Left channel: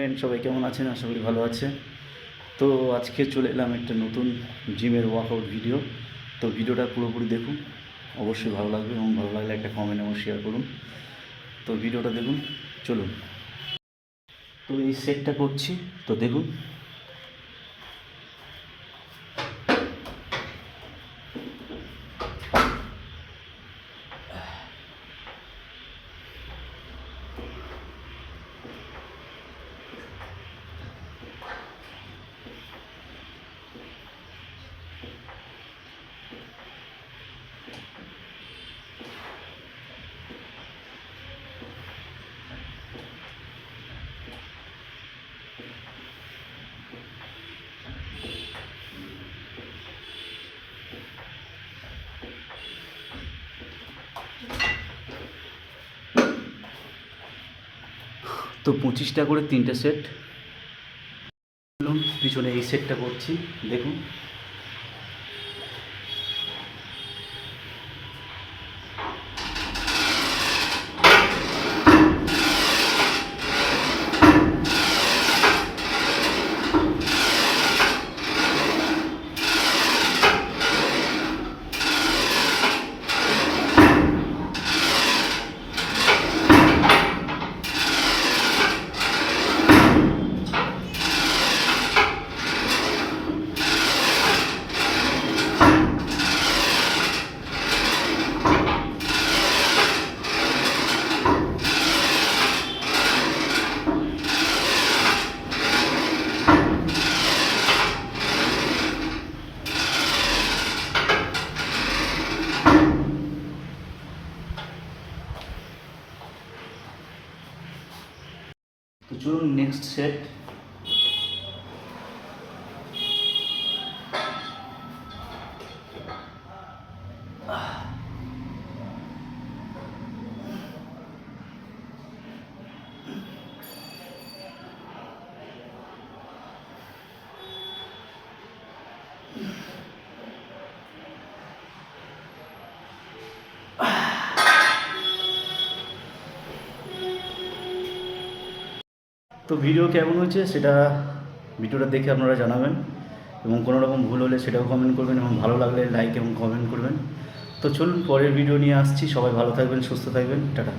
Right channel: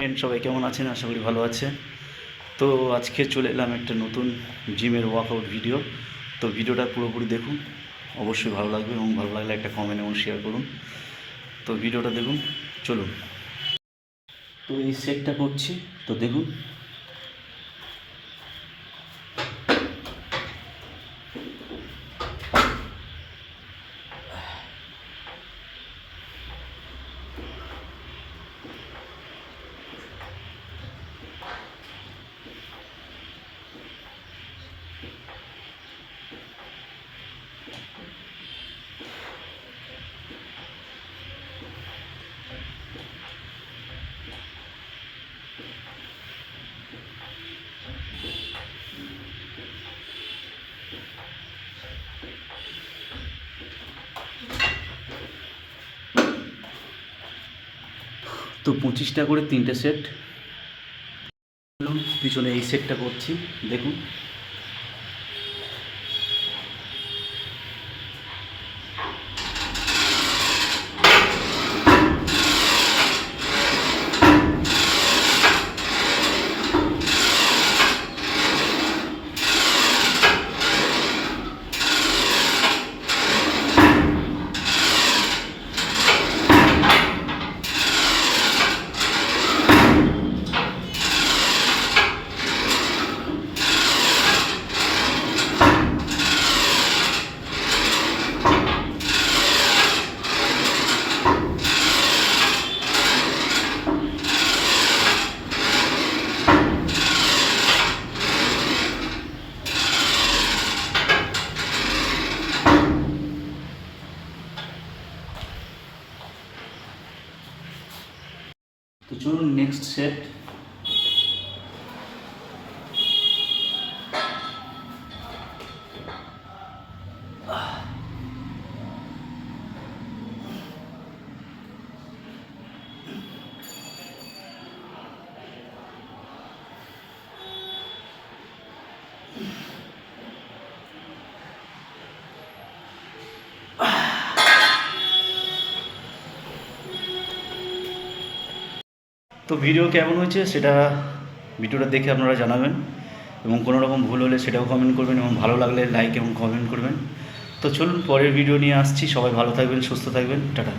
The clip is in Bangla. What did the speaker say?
ফ্রেন্ড সবাই কেমন আছেন? আশা করি ভালো আছে। তো আজকে চলে এলাম একটা নতুন জিমের ওয়ার্কআউট ভিডিও। তো ভিডিওটা পুরোপুরি দেখুন, অবশ্যই ভালো লাগবে এবং ভালো লাগলে একটা কমেন্ট এবং শেয়ার করুন। তো ভিডিওটা দেখুন, চলুন। তো এই সেটটা করছি, তো দেখুন। তো 25টা করে 3টে সেট। পিছনে এই সেটটা করছি, দেখুন। তো চলুন নেক্সট সেট। তো ভিডিও কেমন হয়েছে সেটা ভিডিওটা দেখে আপনারা জানাবেন, এবং কোনো রকম ভুল হলে সেটাও কমেন্ট করবেন, এবং ভালো লাগলে লাইক এবং কমেন্ট করবেন। তো চলুন পরের ভিডিও নিয়ে আসছি। সবাই ভালো থাকবেন, সুস্থ থাকবেন, টাটা।